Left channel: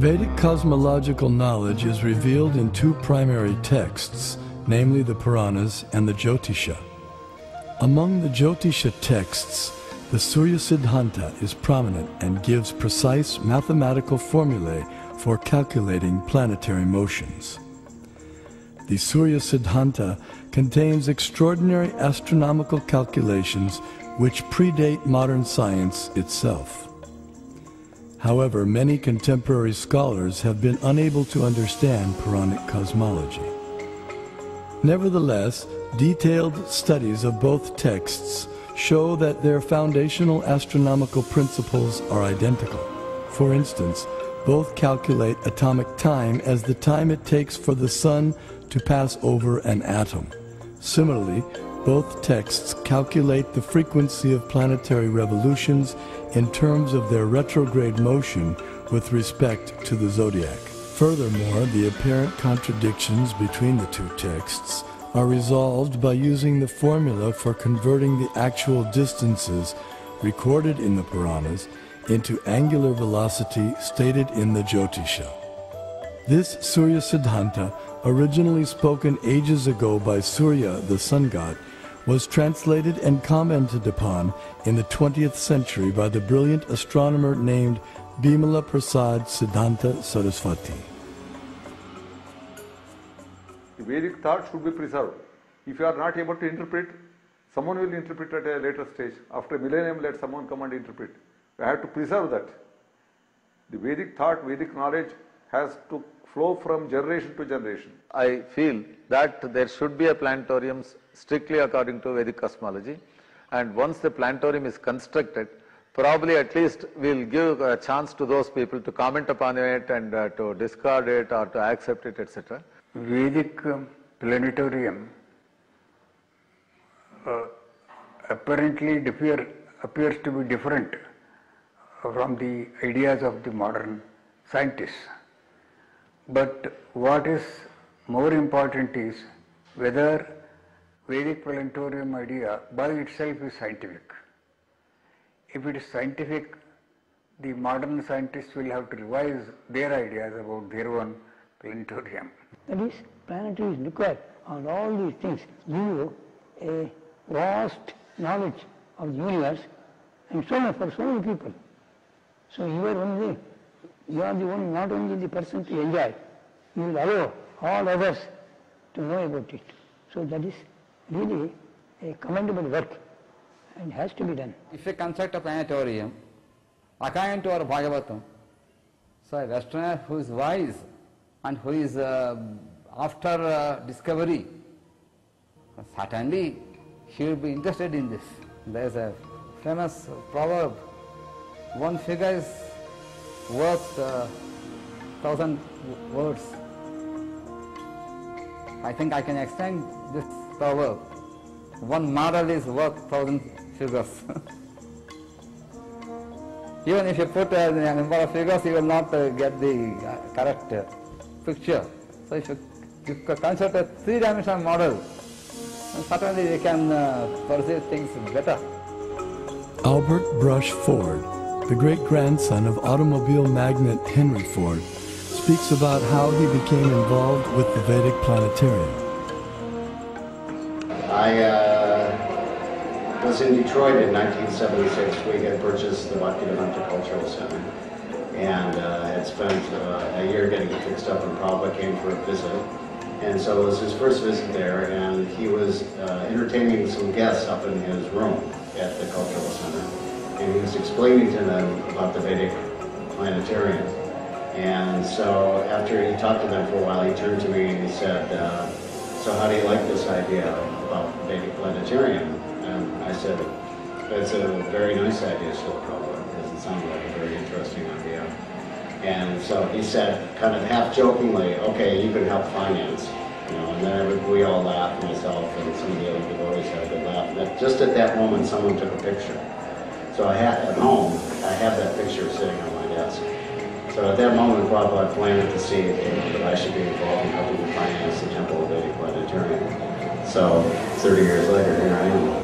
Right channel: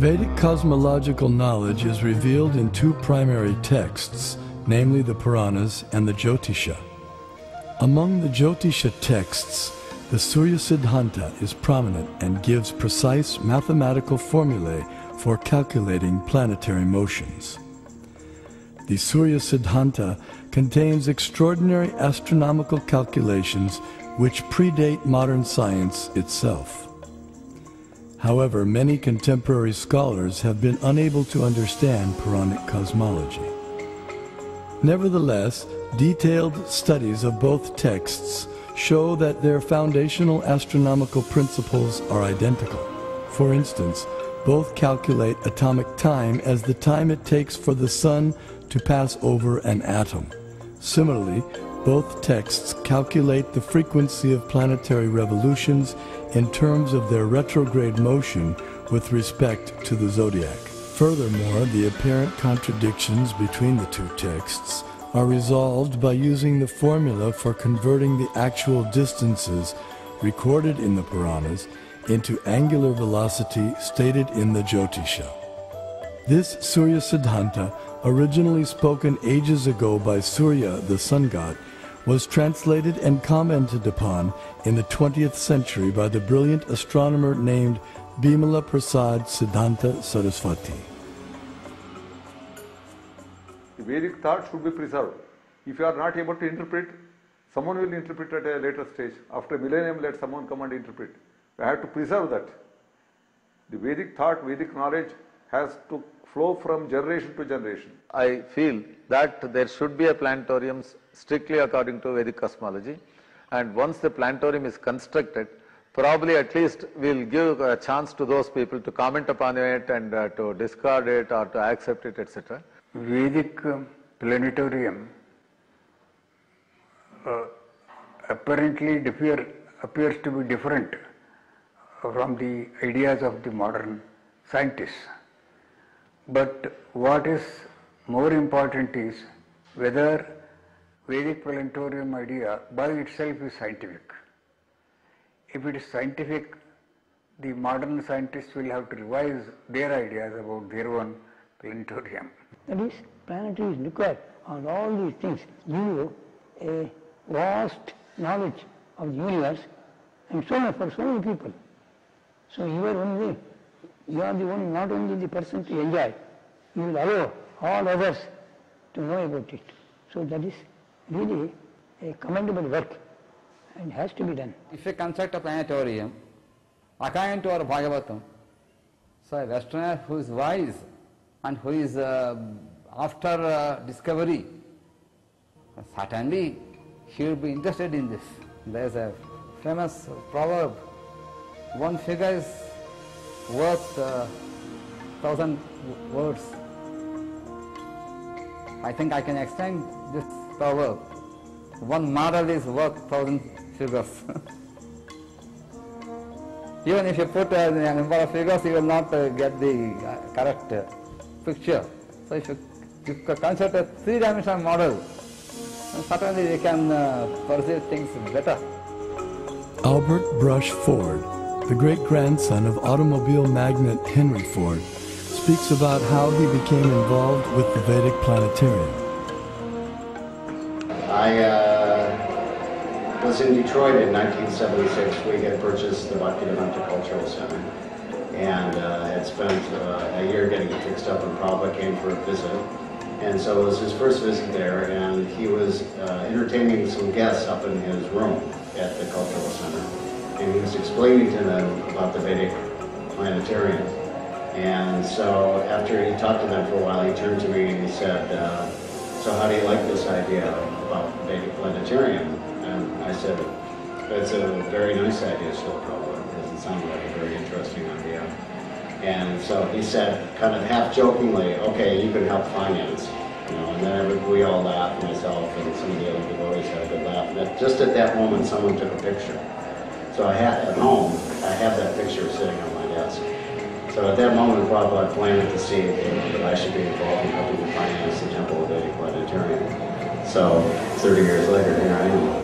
Vedic cosmological knowledge is revealed in two primary texts, namely the Puranas and the Jyotisha. Among the Jyotisha texts, the Surya Siddhanta is prominent and gives precise mathematical formulae for calculating planetary motions. The Surya Siddhanta contains extraordinary astronomical calculations which predate modern science itself. However, many contemporary scholars have been unable to understand Puranic cosmology. Nevertheless, detailed studies of both texts show that their foundational astronomical principles are identical. For instance, both calculate atomic time as the time it takes for the sun to pass over an atom. Similarly, both texts calculate the frequency of planetary revolutions in terms of their retrograde motion with respect to the zodiac. Furthermore, the apparent contradictions between the two texts are resolved by using the formula for converting the actual distances recorded in the Puranas into angular velocity stated in the Jyotisha. This Surya Siddhanta, originally spoken ages ago by Surya, the sun god, was translated and commented upon in the 20th century by the brilliant astronomer named Bimala Prasad Siddhanta Saraswati. The Vedic thought should be preserved. If you are not able to interpret, someone will interpret at a later stage. After a millennium, let someone come and interpret. We have to preserve that. The Vedic thought, Vedic knowledge has to flow from generation to generation. I feel that there should be a planetarium strictly according to Vedic cosmology, and once the planetarium is constructed, probably at least we'll give a chance to those people to comment upon it and to discard it or to accept it, etc. Vedic planetarium apparently appears to be different from the ideas of the modern scientists. But what is more important is whether Vedic planetarium idea by itself is scientific. If it is scientific, the modern scientists will have to revise their ideas about their own planetarium. That is, planetaries look at on all these things, give you a vast knowledge of the universe, and so on for so many people. So you are the one, not only the person to enjoy, you will allow all others to know about it. So that is really a commendable work and has to be done. If you construct a planetarium, according to our Bhagavatam, so a Westerner who is wise and who is after discovery, certainly he will be interested in this. There is a famous proverb, one figure is worth 1,000 words. I think I can extend this proverb. One model is worth 1,000 figures. Even if you put a number of figures, you will not get the correct picture. So if you consider a three-dimensional model, then certainly you can perceive things better. Albert Brush Ford, the great-grandson of automobile magnate Henry Ford, speaks about how he became involved with the Vedic planetarium. I was in Detroit in 1976. We had purchased the Nimitta-Jnana Cultural Center and had spent a year getting it fixed up, and Prabhupada came for a visit. And so it was his first visit there, and he was entertaining some guests up in his room at the Cultural Center. And he was explaining to them about the Vedic planetarium. And so after he talked to them for a while, he turned to me and he said, so how do you like this idea about Vedic planetarium? And I said, it's a very nice idea still, probably, because it sounded like a very interesting idea. And so he said, kind of half jokingly, okay, you can help finance. You know, and then we all laughed, myself and some of the other devotees had a good laugh. And just at that moment, someone took a picture. So I had, at home, I have that picture sitting on my desk. So at that moment, Prabhupada planted the seed that I should be involved in helping to finance the Temple of Vedic Planetarium. So 30 years later, here I am.